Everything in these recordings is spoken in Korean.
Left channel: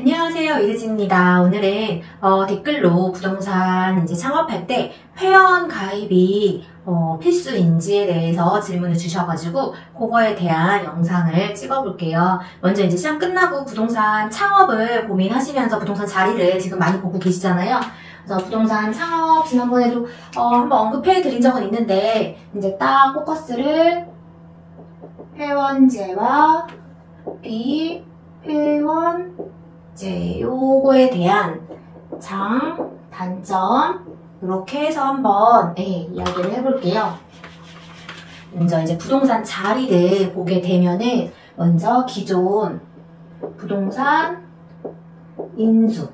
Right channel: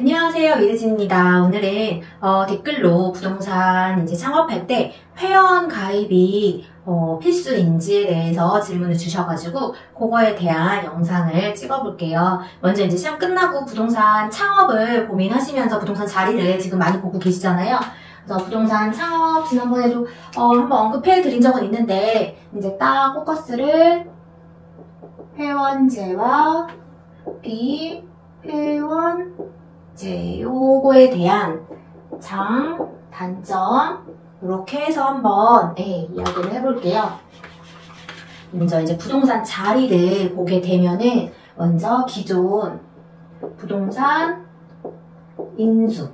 안녕하세요, 이르진입니다. 오늘은 댓글로 부동산 이제 창업할 때 회원 가입이 필수인지에 대해서 질문을 주셔가지고 그거에 대한 영상을 찍어볼게요. 먼저 이제 시험 끝나고 부동산 창업을 고민하시면서 부동산 자리를 지금 많이 보고 계시잖아요. 그래서 부동산 창업 지난번에도 한번 언급해 드린 적은 있는데 이제 딱 포커스를 회원제와 비회원 요거에 대한 장, 단점 이렇게 해서 한번 이야기를 해볼게요. 먼저 이제 부동산 자리를 보게 되면은 먼저 기존 부동산 인수,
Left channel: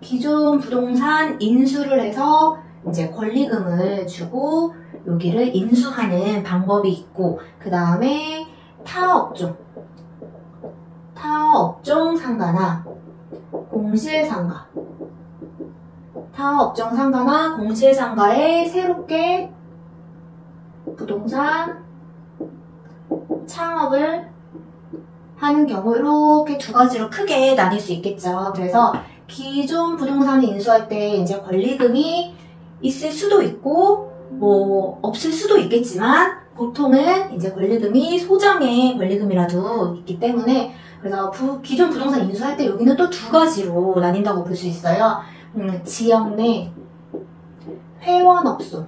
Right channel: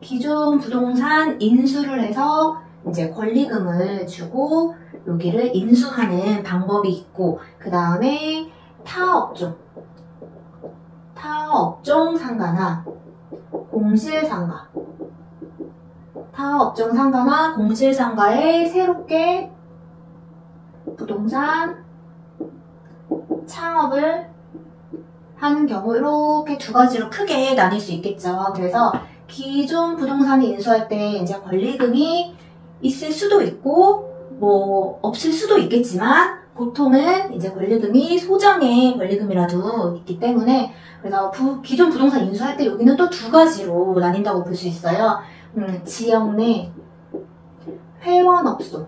기존 부동산 인수를 해서 이제 권리금을 주고 여기를 인수하는 방법이 있고, 그 다음에 타업종 상가나 공실상가, 타업종 상가나 공실상가에 새롭게 부동산 창업을 하는 경우 이렇게 두 가지로 크게 나뉠 수 있겠죠. 그래서 기존 부동산을 인수할 때 이제 권리금이 있을 수도 있고 뭐 없을 수도 있겠지만 보통은 이제 권리금이 소정의 권리금이라도 있기 때문에, 그래서 기존 부동산 인수할 때 여기는 또 두 가지로 나뉜다고 볼 수 있어요. 지역 내 회원업소,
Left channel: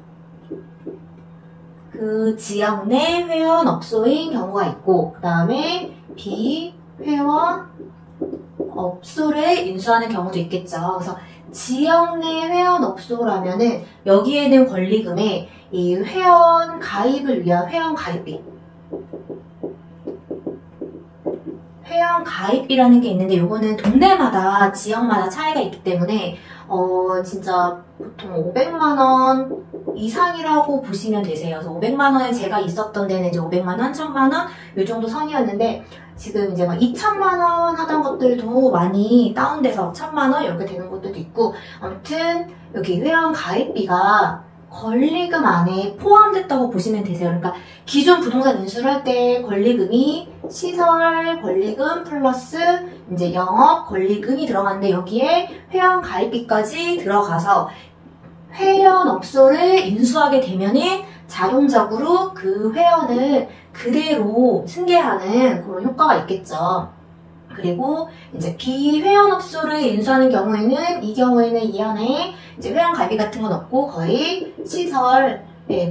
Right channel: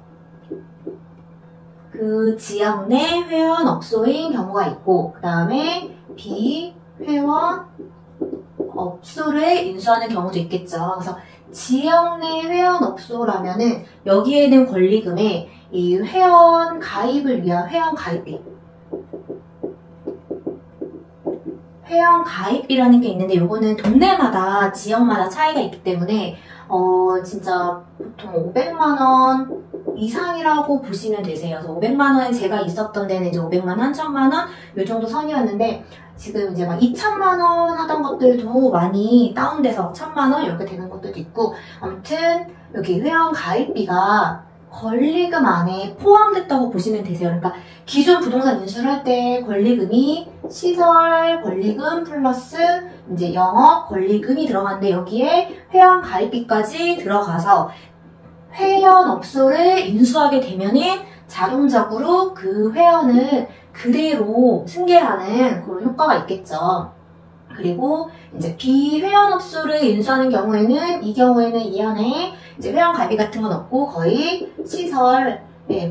그 지역 내 회원업소인 경우가 있고, 그 다음에 비회원업소를 인수하는 경우도 있겠죠. 그래서 지역 내 회원업소라면은 여기에는 권리금에 이 회원 가입을 위한 회원 가입이라는 게 있는데, 요거는 동네마다 지역마다 차이가 있기 때문에 진짜 보통 500만원 이상이라고 보시면 되세요. 그래서 500만원에 제가 있었던 데는 이제 500만원, 1000만원 요 정도 선이었는데, 지금 이제 막 2000만원 하던 것들도 많이 다운돼서 1000만원 이렇게 되는 것들도 있고, 아무튼 여기 회원 가입비가 권리금 안에 포함됐다고 보시면 되세요. 그러니까 기존 부동산 인수를 할 때 권리금이 시설 권리금 플러스 이제 영업 권리금이 들어갔는데, 여기에 회원 가입비까지 들어가서 회원업소를 인수하게 되면은 자동적으로 그 회원을 그대로 승계하는 그런 효과가 있겠죠. 그리고 이제 비회원업소를 인수하는 경우에는, 이 경우에는 이 안에 이제 회원 가입비 같은 건 없고 거의 시설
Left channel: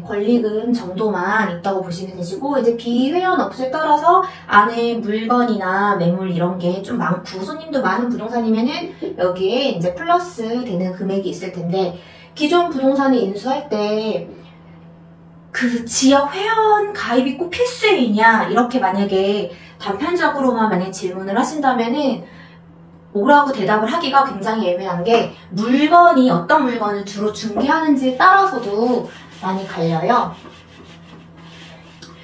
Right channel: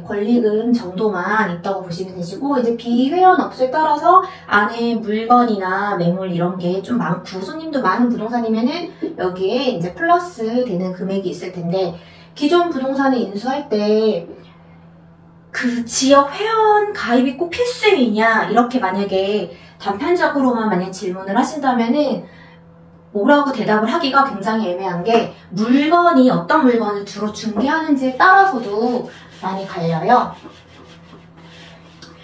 권리금 정도만 있다고 보시면 되시고, 이제 비회원업소에 따라서 안에 물건이나 매물 이런 게 좀 많고 손님도 많은 부동산이면은 여기에 이제 플러스 되는 금액이 있을 텐데, 기존 부동산을 인수할 때 그 지역 회원 가입이 꼭 필수이냐 이렇게 만약에 단편적으로만 만약 질문을 하신다면은 뭐라고 대답을 하기가 굉장히 애매한 게, 물건이 어떤 물건을 주로 중개하는지에 따라서도 많이 갈려요.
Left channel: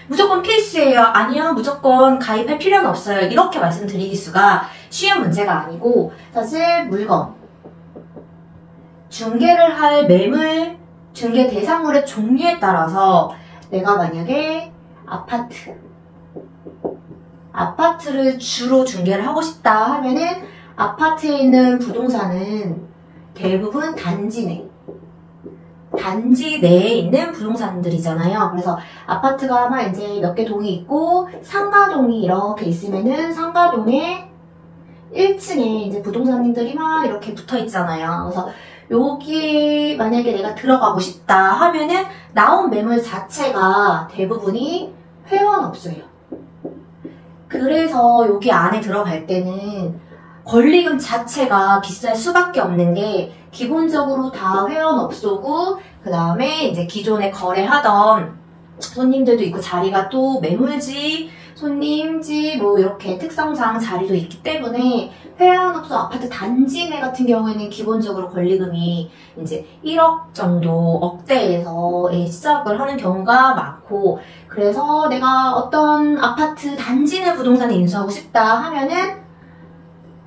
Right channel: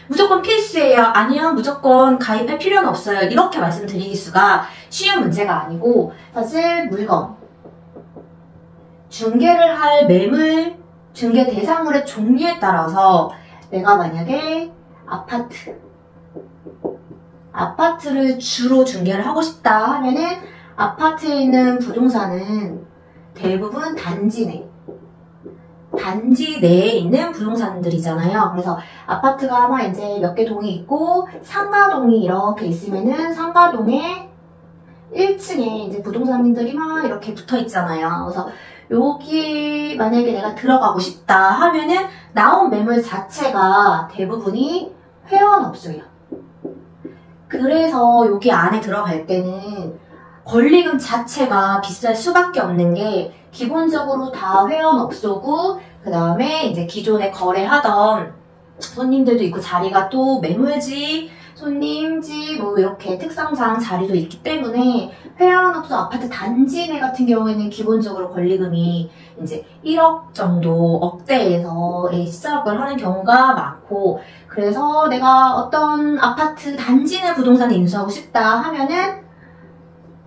무조건 필수예요, 아니요 무조건 가입할 필요는 없어요, 이렇게 말씀드리기 수가 쉬운 문제가 아니고, 사실 물건 중개를 할 매물, 중개 대상물의 종류에 따라서 내가 만약에 아파트를 주로 중개를 하고 싶다 하면은 아파트에 있는 부동산은 대부분 단지 내에 있는 부동산들이잖아요. 그래서 아파트가 아마 이제 몇 개 동이 있고 상가동이 이렇게 있으면은 상가동에 1층에 이제 부동산들이 막 이렇게 붙어 있잖아요. 그래서 여기에 만약에 내가 들어가고 싶다 하면은 나온 매물 자체가 대부분이 회원업소예요. 그래서 여기 안에 들어갈 때는 권리금 자체가 비쌀 수밖에 없는 게, 기본적으로 다 회원업소고, 그 다음에 이제 기존에 거래하던 손님들도 있고, 자리가 또 매물지, 손님지 뭐 이렇게 특성상 자리도 있기 때문에 회원업소 아파트 단지 내 같은 경우에는 기본적으로 권리금이 이제 1억 정도, 억대에서 시작을 하는 경우가 많고, 그래서 내가 어떤 아파트 단지 내 부동산을 인수하고 싶다 하면은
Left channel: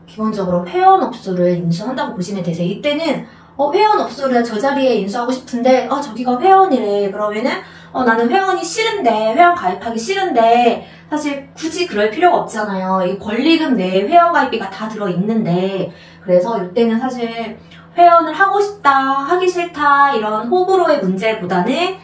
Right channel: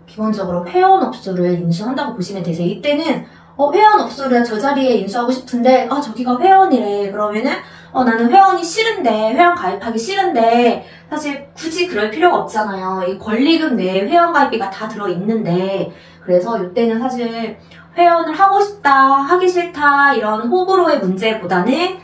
기본적으로 회원업소를 인수한다고 보시면 되세요. 이때는 회원업소를 저 자리에 인수하고 싶은데 저기가 회원이래. 그러면은 나는 회원이 싫은데, 회원 가입하기 싫은데, 사실 굳이 그럴 필요가 없잖아요. 이 권리금 내에 회원 가입비가 다 들어있는데, 그래서 이때는 사실 회원을 하고 싶다, 하기 싫다, 이런 호불호의 문제보다는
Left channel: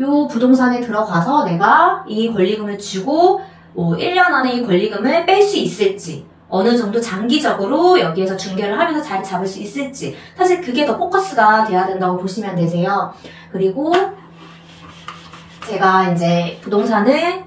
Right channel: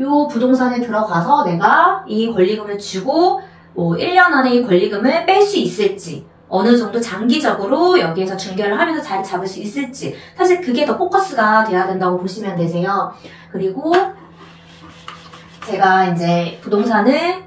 요 부동산에 들어가서 내가 이 권리금을 주고, 1년 안에 이 권리금을 뺄 수 있을지, 어느 정도 장기적으로 여기에서 중개를 하면서 자리 잡을 수 있을지, 사실 그게 더 포커스가 돼야 된다고 보시면 되세요. 그리고 제가 이제 부동산을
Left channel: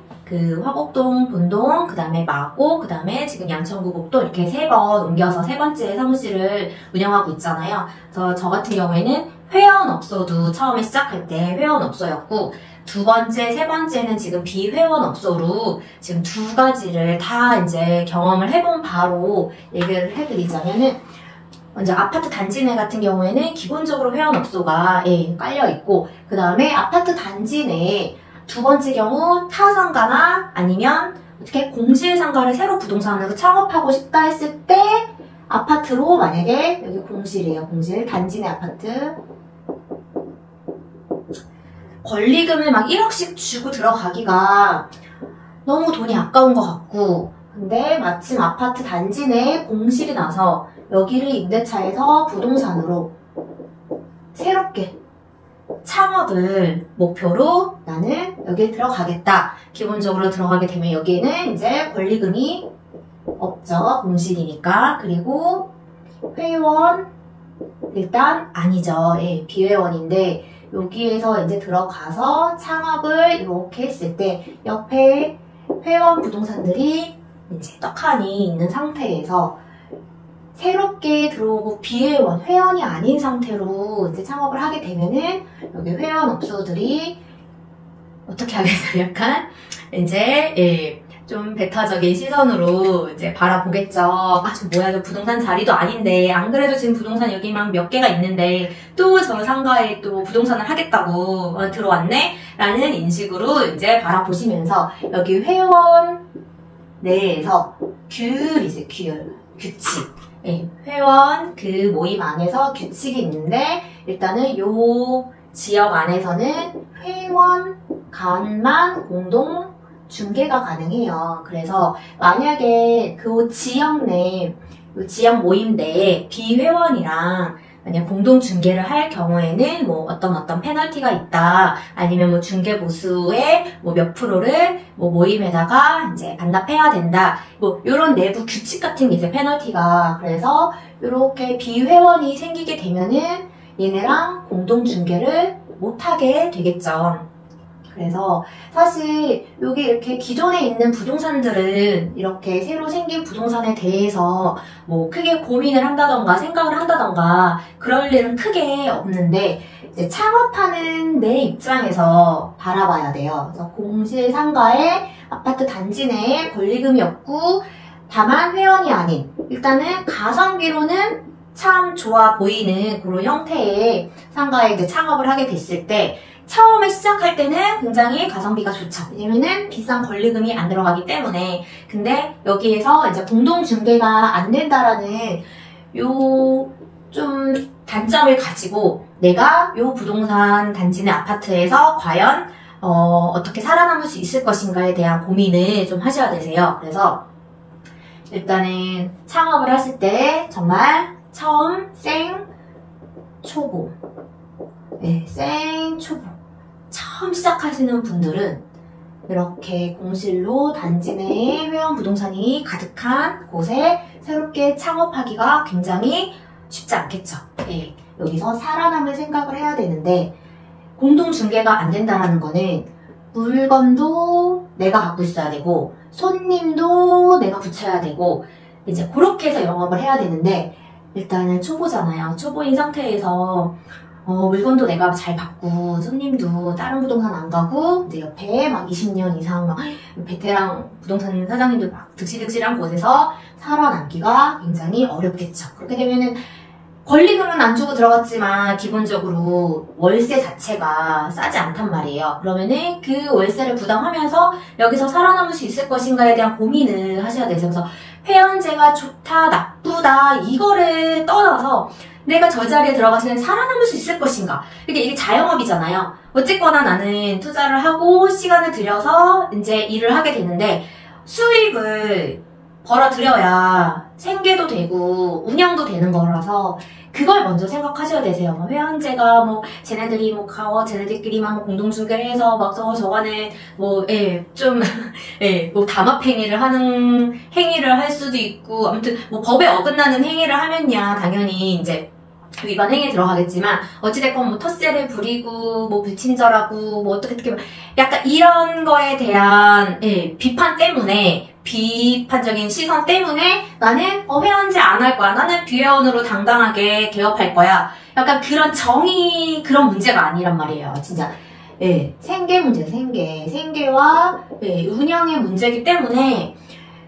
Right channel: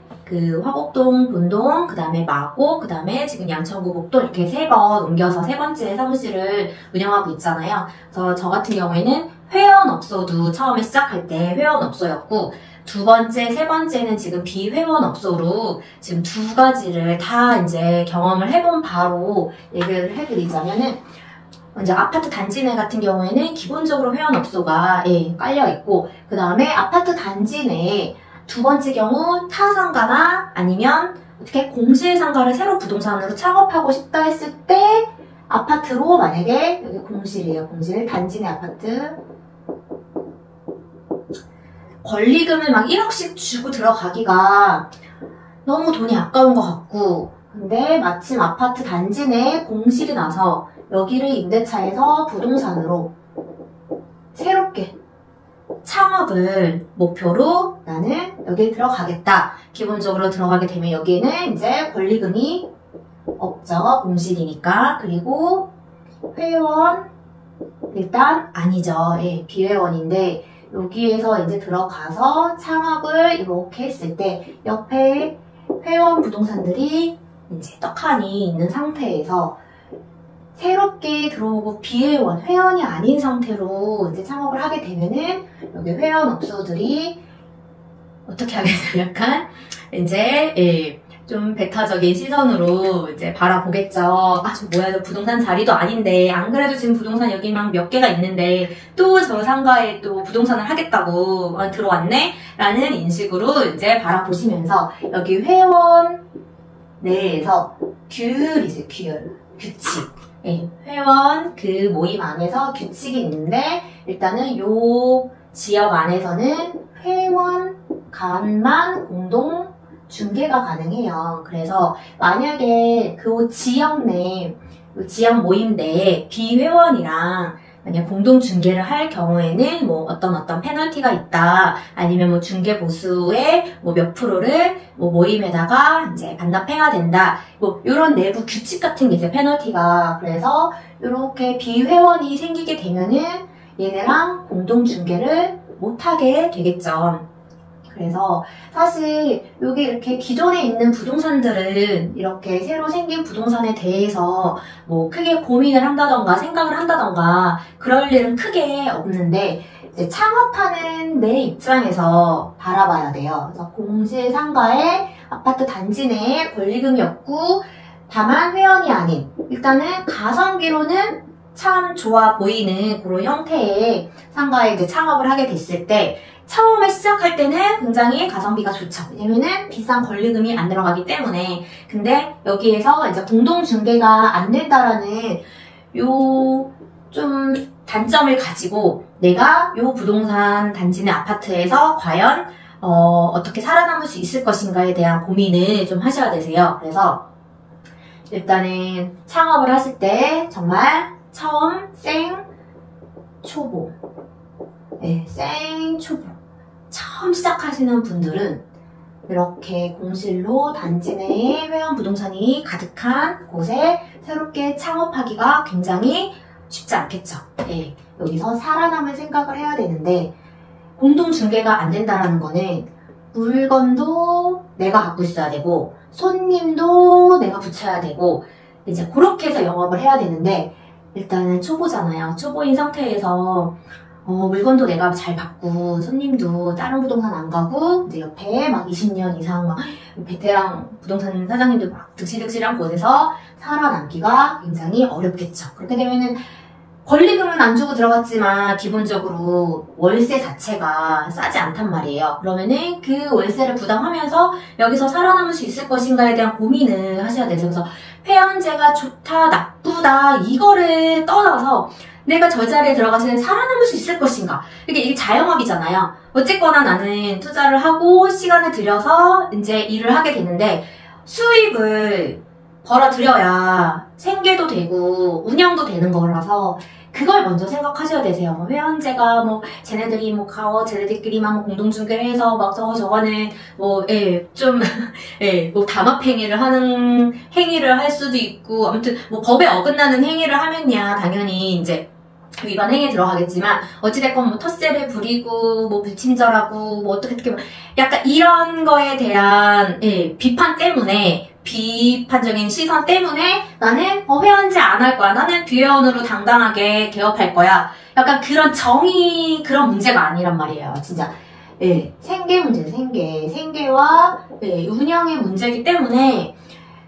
화곡동, 본동, 그 다음에 마곡, 그 다음에 지금 양천구 목동 이렇게 3번 옮겨서 3번째 사무실을 운영하고 있잖아요. 그래서 저 같은 경우에는 회원업소도 처음에 시작할 때 회원업소였고, 2번째, 3번째는 지금 비회원업소로 지금 2가지를 다 이제 경험을 해본 바로 얘기를 해드리자면은, 이제 아파트 단지 내 같은 경우에는 기본적으로 회원업소가 깔려 있고, 그 다음에 아파트 단지 내에 2번째 경우 타상가나 아니면 어떻게 공실상가를 새로 부동산으로 창업하고 싶다 했을 때 아파트로 만약에 여기 공실이에요. 공실 단지 내 아파트 권리금을 막 1억씩 주고 들어가기가 너무 돈이 아까운 것 같고, 근데 마침 아파트 단지 내에 공실이 나서 여기를 임대차에서 부동산으로 새롭게 창업을 목표로 나는 여기에 들어가겠다. 기본적으로 들어가게 되면 여기에는 이제 권리금이 없죠. 공실이니까. 그리고 회원 일단 아니죠. 비회원인데 여기에서 이제 들어가서 창업을 이렇게 했을 때 옆에 회원 부동산들이 이제 떡하니 있는 상태에서 새롭게 들어오고 비회원, 회원이 아닌 상태로 이제 창업을 하게 되면은 여기 회원업소들이 어떻게 하겠어요? 약간 이제 좀 배타적인 시선으로 이제 바라보겠죠. 저 뭐야, 저 부동산 자리도 아닌데, 안 그래도 지금 부동산 여기만 몇 개가 있는데 또 저 상가에 또 부동산을 하겠다고 들어왔네? 라는 인식으로 이제 바라보시면서 여기 회원 내에서 규율이세요. 규칙. 회원 그 모임 안에서 규칙이 있는데, 일단은 요 지역 안에서는 회원 간만 공동 중개가 가능해요. 그래서 만약에 그 지역 내, 지역 모임 내에 비회원이랑 만약 공동 중개를 할 경우에는 어떤 페널티가 있다. 아니면 중개 보수의 몇 프로를 모임에다가 이제 반납해야 된다. 요런 내부 규칙 같은 게 이제 페널티가. 그래서 요렇게 비회원이 생기게 되면은 얘네랑 공동 중개를 못하게 되겠죠. 그래서 사실 여기 이렇게 기존에 있는 부동산들은 이렇게 새로 생긴 부동산에 대해서 크게 고민을 한다던가 생각을 한다던가 그럴 일은 크게 없는데, 이제 창업하는 내 입장에서 바라봐야 돼요. 그래서 공실 상가에 아파트 단지 내에 권리금이 없고 다만 회원이 아닌, 일단은 가성비로는 참 좋아 보이는 그런 형태의 상가에 이제 창업을 하게 됐을 때, 처음에 시작할 때는 굉장히 가성비가 좋죠. 왜냐면은 비싼 권리금이 안 들어가기 때문에. 근데 여기에서 이제 공동 중개가 안 된다라는 요 좀 단점을 가지고 내가 요 부동산 단지 내 아파트에서 과연 어떻게 살아남을 수 있을 것인가에 대한 고민을 좀 하셔야 되세요. 그래서 일단은 창업을 하실 때 정말 처음 초보, 초보 처음 시작하시는 분들은 이렇게 공실로 단지 내에 회원 부동산이 가득한 곳에 새롭게 창업하기가 굉장히 쉽지 않겠죠. 여기서 살아남을 생각을 해야 되는데, 공동 중개가 안 된다라는 거는 물건도 내가 갖고 있어야 되고 손님도 내가 붙여야 되고 이제 그렇게 해서 영업을 해야 되는데, 일단은 초보잖아요. 초보인 상태에서 물건도 내가 잘 받고 손님도 다른 부동산 안 가고 이제 옆에 막 20년 이상 베테랑 부동산 사장님들 막 득실득실한 곳에서 살아남기가 굉장히 어렵겠죠. 그렇게 되면은 권리금은 안 주고 들어갔지만 기본적으로 월세 자체가 싸지 않단 말이에요. 그러면은 그 월세를 부담하면서 여기서 살아남을 수 있을 것인가에 대한 고민을 하셔야 돼서, 그래서 회원제가 좋다 나쁘다 이거를 떠나서 내가 저 자리에 들어가서 살아남을 수 있을 것인가. 이게 자영업이잖아요. 어쨌거나 나는 투자를 하고 시간을 들여서 이제 일을 하게 되는데 수익을 벌어들여야 생계도 되고 운영도 되는 거라서 그걸 먼저 생각하셔야 되세요. 뭐 회원제가 뭐 쟤네들이 뭐 쟤네들끼리만 뭐 공동중개를 해서 막 저거는 뭐 뭐 담합행위를 하는 행위를 할 수도 있고 아무튼 뭐 법에 어긋나는 행위를 하면야 당연히 이제 위반 행위에 들어가겠지만 어찌됐건 뭐 텃세를 부리고 뭐 불친절하고 뭐 어떻게 약간 이런 거에 대한 비판 때문에 비판적인 시선 때문에 나는 회원제 안 할 거야. 나는 비회원으로 당당하게 개업할 거야. 약간 그런 정의 그런 문제가 아니란 말이에요. 진짜 생계 문제, 생계와 운영의 문제이기 때문에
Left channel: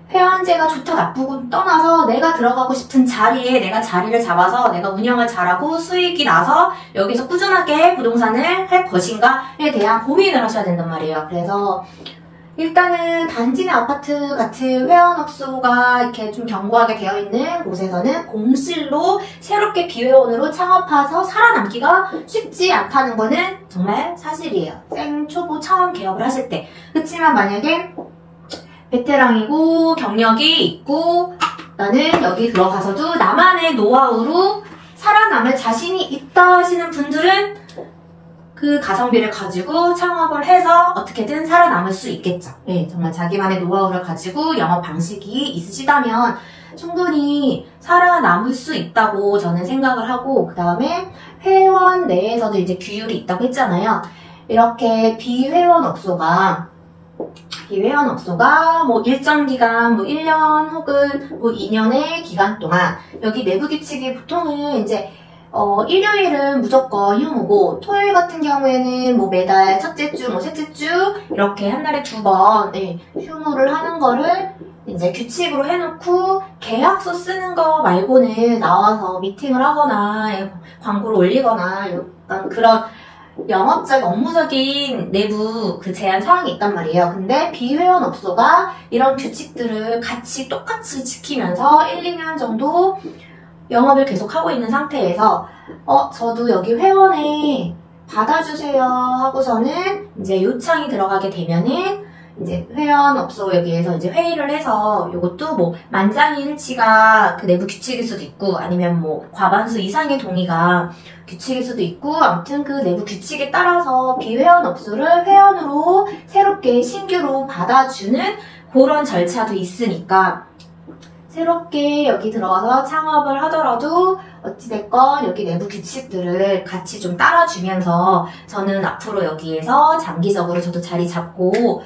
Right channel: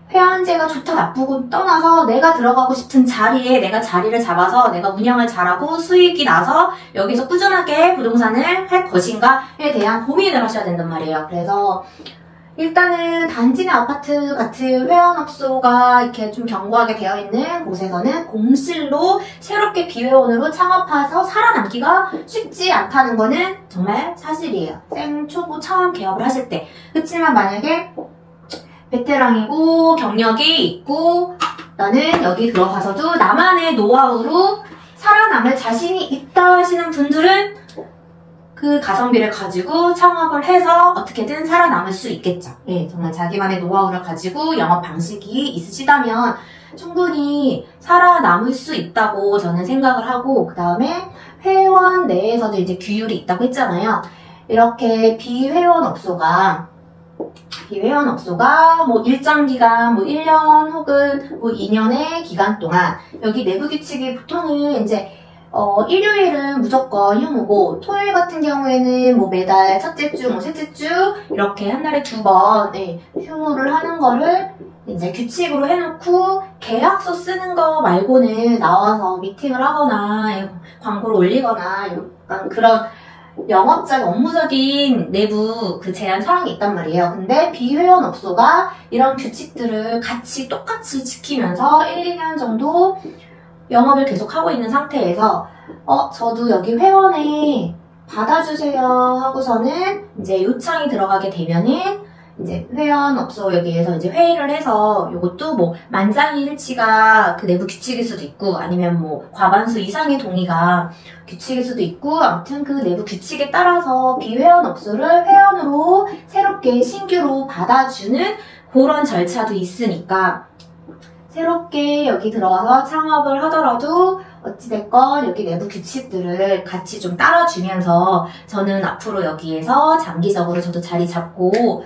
회원제가 좋다 나쁘고 떠나서 내가 들어가고 싶은 자리에 내가 자리를 잡아서 내가 운영을 잘하고 수익이 나서 여기서 꾸준하게 부동산을 할 것인가에 대한 고민을 하셔야 된단 말이에요. 그래서 일단은 단지 내 아파트 같은 회원업소가 이렇게 좀 견고하게 되어 있는 곳에서는 공실로 새롭게 비회원으로 창업해서 살아남기가 쉽지 않다는 거는 정말 사실이에요. 생초보 처음 개업을 하실 때. 그렇지만 만약에 베테랑이고 경력이 있고 나는 여기 들어가서도 나만의 노하우로 살아남을 자신이 있다 하시는 분들은 그 가성비를 가지고 창업을 해서 어떻게든 살아남을 수 있겠죠. 정말 자기만의 노하우를 가지고 영업 방식이 있으시다면 충분히 살아남을 수 있다고 저는 생각을 하고 그 다음에 회원 내에서도 이제 규율이 있다고 했잖아요. 이렇게 비회원업소가 뭐 일정 기간, 뭐 1년 혹은 뭐 2년의 기간 동안 여기 내부 규칙이 보통은 이제 일요일은 무조건 휴무고 토요일 같은 경우에는 뭐 매달 첫째 주, 뭐 셋째 주 이렇게 한 달에 2번 휴무를 하는 거를 이제 규칙으로 해놓고 계약서 쓰는 거 말고는 나와서 미팅을 하거나 광고를 올리거나 약간 그런 영업적, 업무적인 내부 그 제한 사항이 있단 말이에요. 근데 비회원업소가 이런 규칙들을 똑같이 지키면서 1, 2년 정도 영업을 계속하고 있는 상태에서 저도 여기 회원에 받아주세요 하고서는 이제 요청이 들어가게 되면은 이제 회원업소 여기에서 이제 회의를 해서 이것도 뭐 만장일치가 그 내부 규칙일 수도 있고 아니면 뭐 과반수 이상의 동의가 규칙일 수도 있고 아무튼 그 내부 규칙에 따라서 비회원업소를 회원으로 새롭게 신규로 받아주는 그런 절차도 있으니까 새롭게 여기 들어와서 창업을 하더라도 어찌됐건 여기 내부 규칙들을 같이 좀 따라주면서 저는 앞으로 여기에서 장기적으로 저도 자리 잡고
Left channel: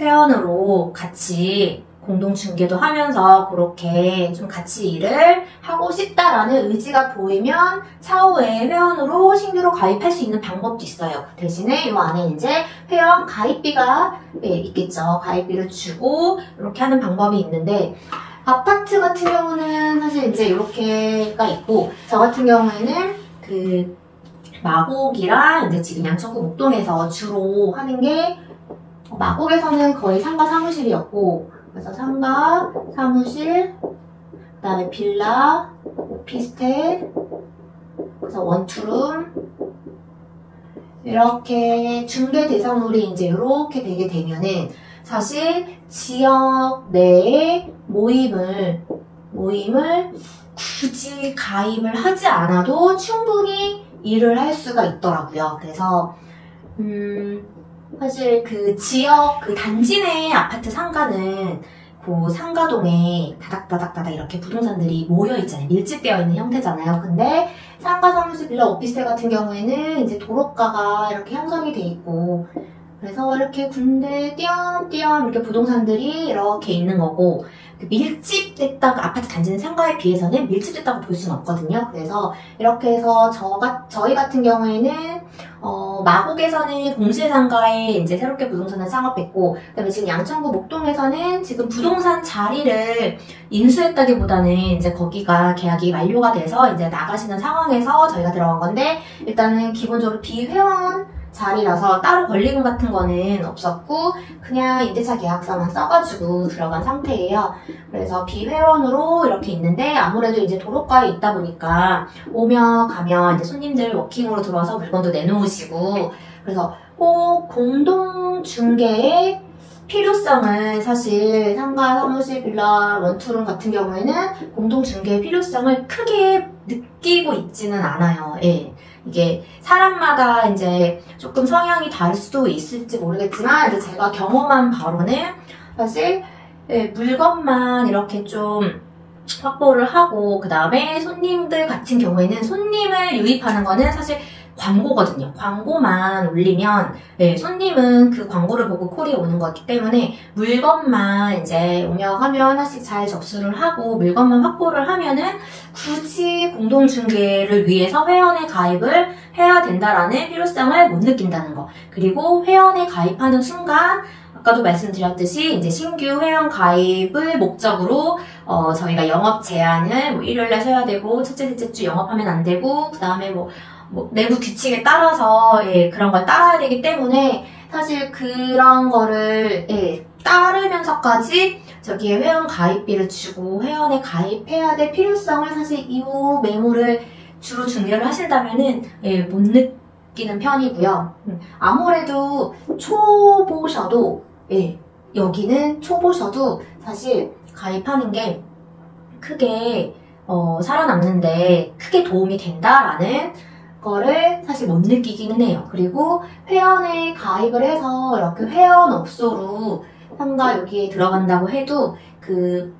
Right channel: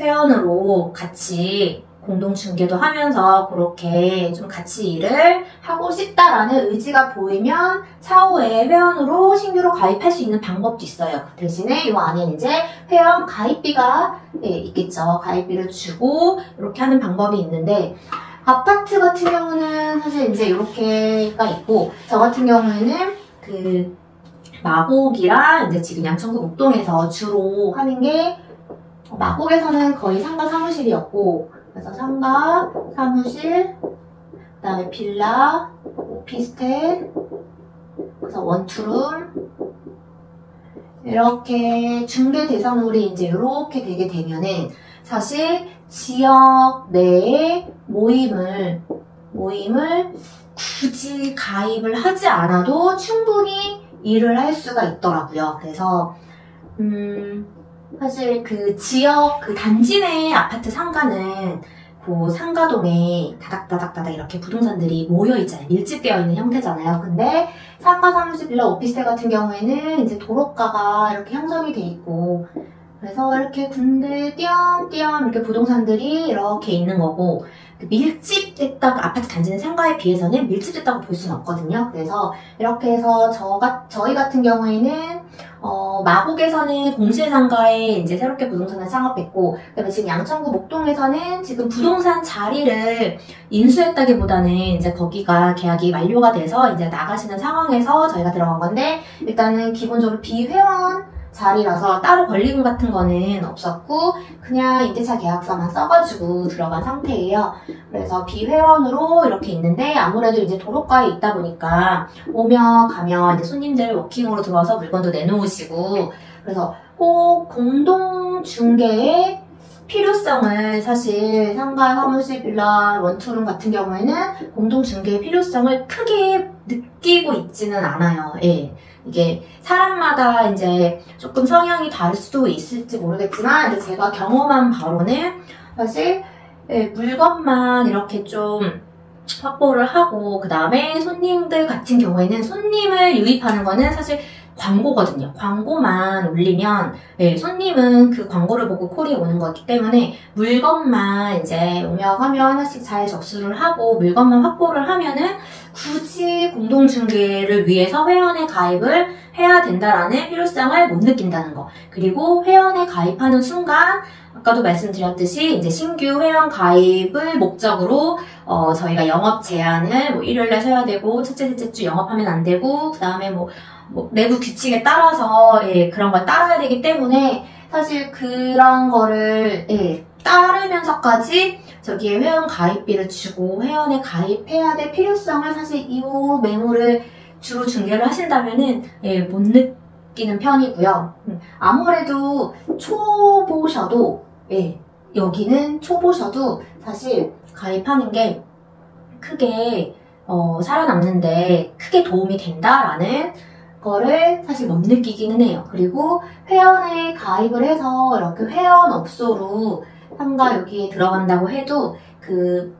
회원으로 같이 공동중개도 하면서 그렇게 좀 같이 일을 하고 싶다라는 의지가 보이면 차후에 회원으로 신규로 가입할 수 있는 방법도 있어요. 대신에 이 안에 이제 회원 가입비가 있겠죠. 가입비를 주고 이렇게 하는 방법이 있는데 아파트 같은 경우는 사실 이제 이렇게가 있고 저 같은 경우에는 그 마곡이랑 이제 지금 양천구 목동에서 주로 하는 게 마곡에서는 거의 상가 사무실이었고 그래서 상가, 사무실, 그 다음에 빌라, 오피스텔, 그래서 원투룸 이렇게 중개 대상물이 이제 이렇게 되게 되면은 사실 지역 내에 모임을 굳이 가입을 하지 않아도 충분히 일을 할 수가 있더라고요. 그래서 사실 그 지역 그 단지 내 아파트 상가는 그 상가동에 다닥다닥다닥 이렇게 부동산들이 모여있잖아요. 밀집되어 있는 형태잖아요. 근데 상가, 사무실, 빌라, 오피스텔 같은 경우에는 이제 도로가가 이렇게 형성이 돼 있고 그래서 이렇게 군데 띄엄띄엄 이렇게 부동산들이 이렇게 있는 거고 밀집됐다고 아파트 단지는 상가에 비해서는 밀집됐다고 볼 수는 없거든요. 그래서 이렇게 해서 저희 같은 경우에는 마곡에서는 공실상가에 이제 새롭게 부동산을 창업했고 그다음에 지금 양천구 목동에서는 지금 부동산 자리를 인수했다기보다는 이제 거기가 계약이 만료가 돼서 이제 나가시는 상황에서 저희가 들어간 건데 일단은 기본적으로 비회원 자리라서 따로 권리금 같은 거는 없었고 그냥 임대차 계약서만 써가지고 들어간 상태예요. 그래서 비회원으로 이렇게 있는데 아무래도 이제 도로가에 있다 보니까 오며 가며 이제 손님들 워킹으로 들어와서 물건도 내놓으시고 그래서 꼭 공동 중개의 필요성을 사실 상가, 사무실, 빌라, 원투룸 같은 경우에는 공동 중개의 필요성을 크게 느끼고 있지는 않아요. 예. 이게 사람마다 이제 조금 성향이 다를 수도 있을지 모르겠지만 이제 제가 경험한 바로는 사실 예, 물건만 이렇게 좀 확보를 하고 그 다음에 손님들 같은 경우에는 손님을 유입하는 거는 사실 광고거든요. 광고만 올리면 네, 손님은 그 광고를 보고 콜이 오는 거기 때문에 물건만 이제 오며 가며 하나씩 잘 접수를 하고 물건만 확보를 하면은 굳이 공동중개를 위해서 회원에 가입을 해야 된다라는 필요성을 못 느낀다는 거. 그리고 회원에 가입하는 순간 아까도 말씀드렸듯이 이제 신규 회원 가입을 목적으로 저희가 영업 제한을 뭐 일요일날 쉬어야 되고 첫째, 셋째 주 영업하면 안 되고 그 다음에 뭐 내부 규칙에 따라서 예, 그런 걸 따라야 되기 때문에 사실 그런 거를 예, 따르면서까지 저기에 회원 가입비를 주고 회원에 가입해야 될 필요성을 사실 이 매물을 주로 중개를 하신다면은 예, 못 느끼는 편이고요. 아무래도 초보셔도 예, 여기는 초보셔도 사실 가입하는 게 크게 살아남는데 크게 도움이 된다라는 거를 사실 못 느끼기는 해요. 그리고 회원에 가입을 해서 이렇게 회원업소로 상가 여기에 들어간다고 해도 그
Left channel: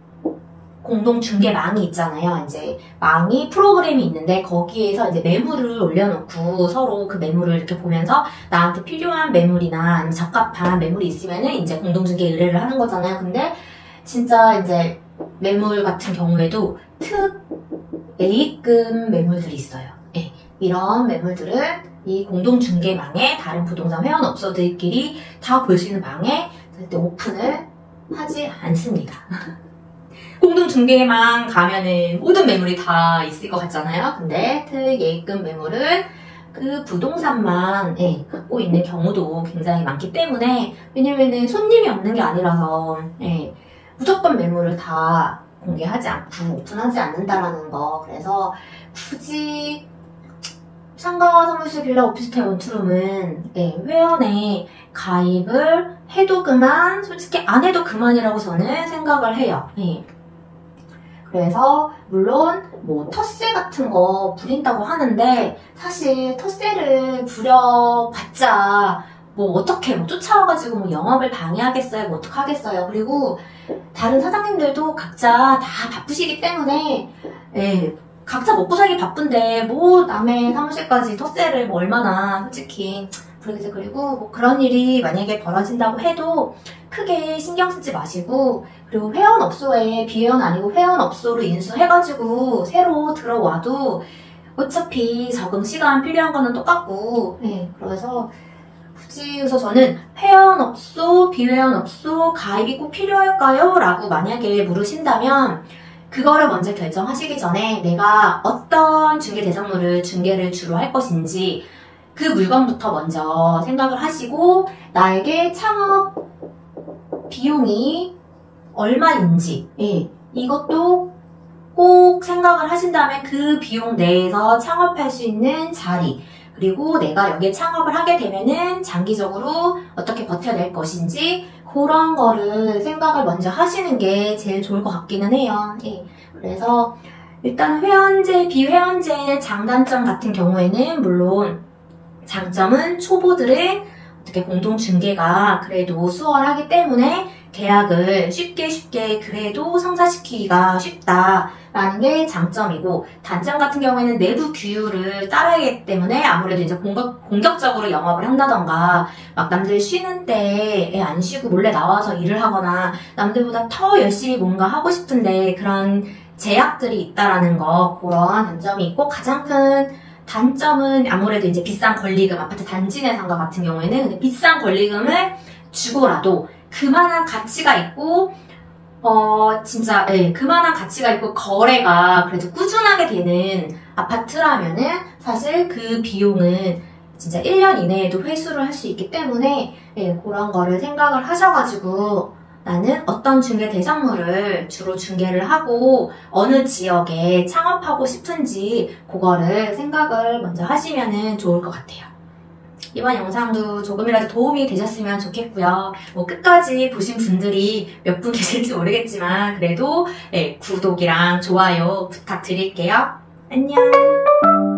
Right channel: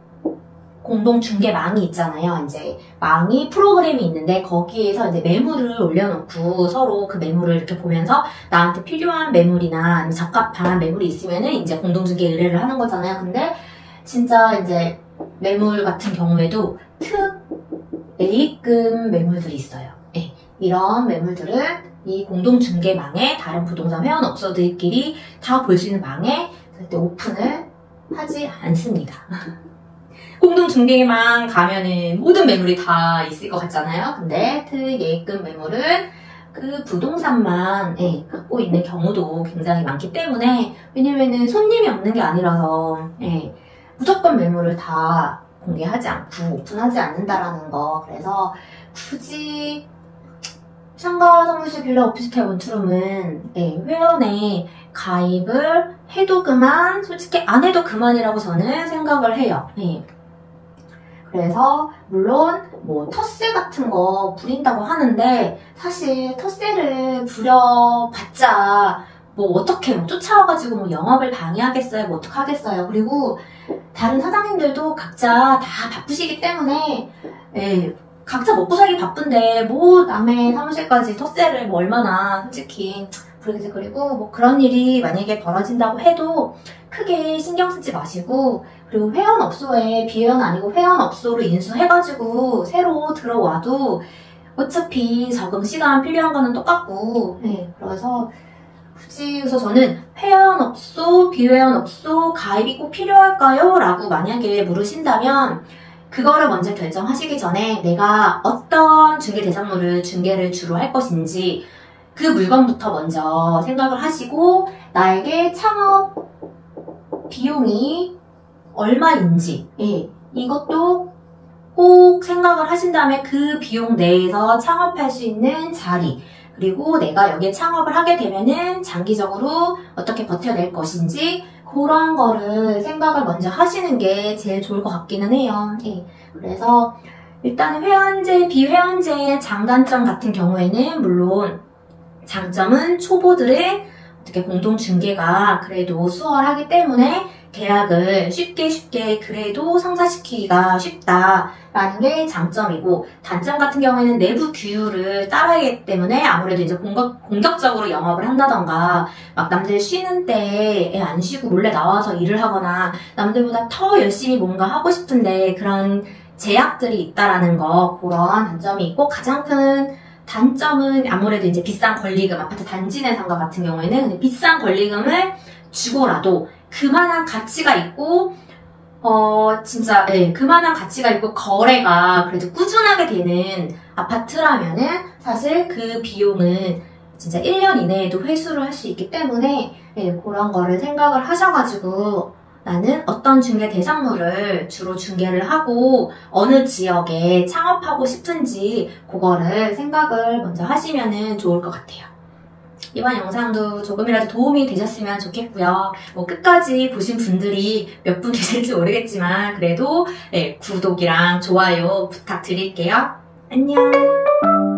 공동중개망이 있잖아요. 이제 망이 프로그램이 있는데 거기에서 이제 매물을 올려놓고 서로 그 매물을 이렇게 보면서 나한테 필요한 매물이나 적합한 매물이 있으면은 이제 공동중개 의뢰를 하는 거잖아요. 근데 진짜 이제 매물 같은 경우에도 특 A급 매물들이 있어요. 네. 이런 매물들은 이 공동중개망에 다른 부동산 회원업소들끼리 다 볼 수 있는 망에 절대 오픈을 하지 않습니다. 공동중개망 가면은 모든 매물이 다 있을 것 같잖아요. 근데 특 A급 매물은 그 부동산만 갖고 있는 경우도 굉장히 많기 때문에 왜냐면은 손님이 없는 게 아니라서 무조건 매물을 다 공개하지 않고 오픈하지 않는다라는 거. 그래서 굳이 상가, 사무실, 빌라, 오피스텔, 원투룸은 회원에 가입을 해도 그만, 솔직히 안 해도 그만이라고 저는 생각을 해요. 그래서 물론 뭐 텃세 같은 거 부린다고 하는데 사실 텃세를 부려봤자 뭐 어떻게 뭐 쫓아와가지고 뭐 영업을 방해하겠어요? 뭐 어떡하겠어요? 그리고 다른 사장님들도 각자 다 바쁘시기 때문에 각자 먹고 살기 바쁜데 뭐 남의 사무실까지 텃세를 뭐 얼마나 솔직히 부르겠어요. 그리고 뭐 그런 일이 만약에 벌어진다고 해도 크게 신경 쓰지 마시고 그리고 회원업소에 비회원 아니고 회원업소로 인수해가지고 새로 들어와도 어차피 적응 시간 필요한 거는 똑같고 그래서 굳이 그래서 저는 회원업소, 비회원업소 가입이 꼭 필요할까요? 라고 만약에 물으신다면 그거를 먼저 결정하시기 전에 내가 어떤 중개 대상물을 중개를 주로 할 것인지 그 물건부터 먼저 생각을 하시고 나에게 창업 비용이 얼마인지 이것도 꼭 생각을 하신 다음에 그 비용 내에서 창업할 수 있는 자리 그리고 내가 여기에 창업을 하게 되면은 장기적으로 어떻게 버텨낼 것인지 그런 거를 생각을 먼저 하시는 게 제일 좋을 것 같기는 해요. 그래서 일단 회원제, 비회원제의 장단점 같은 경우에는 물론 장점은 초보들의 어떻게 공동중개가 그래도 수월하기 때문에 계약을 쉽게 그래도 성사시키기가 쉽다라는 게 장점이고 단점 같은 경우에는 내부 규율을 따라야 하기 때문에 아무래도 이제 공격적으로 영업을 한다던가 막 남들 쉬는 때에 안 쉬고 몰래 나와서 일을 하거나 남들보다 더 열심히 뭔가 하고 싶은데 그런 제약들이 있다라는 거 그런 단점이 있고 가장 큰 단점은 아무래도 이제 비싼 권리금 아파트 단지 내 상가 같은 경우에는 비싼 권리금을 주고라도 그만한 가치가 있고 진짜 그만한 가치가 있고 거래가 그래도 꾸준하게 되는 아파트라면은 사실 그 비용은 진짜 1년 이내에도 회수를 할 수 있기 때문에 그런 거를 생각을 하셔가지고 나는 어떤 중개 대상물을 주로 중개를 하고 어느 지역에 창업하고 싶은지 그거를 생각을 먼저 하시면 좋을 것 같아요. 이번 영상도 조금이라도 도움이 되셨으면 좋겠고요. 끝까지 보신 분들이 몇 분 계실지 모르겠지만 그래도 구독이랑 좋아요 부탁드릴게요. 안녕.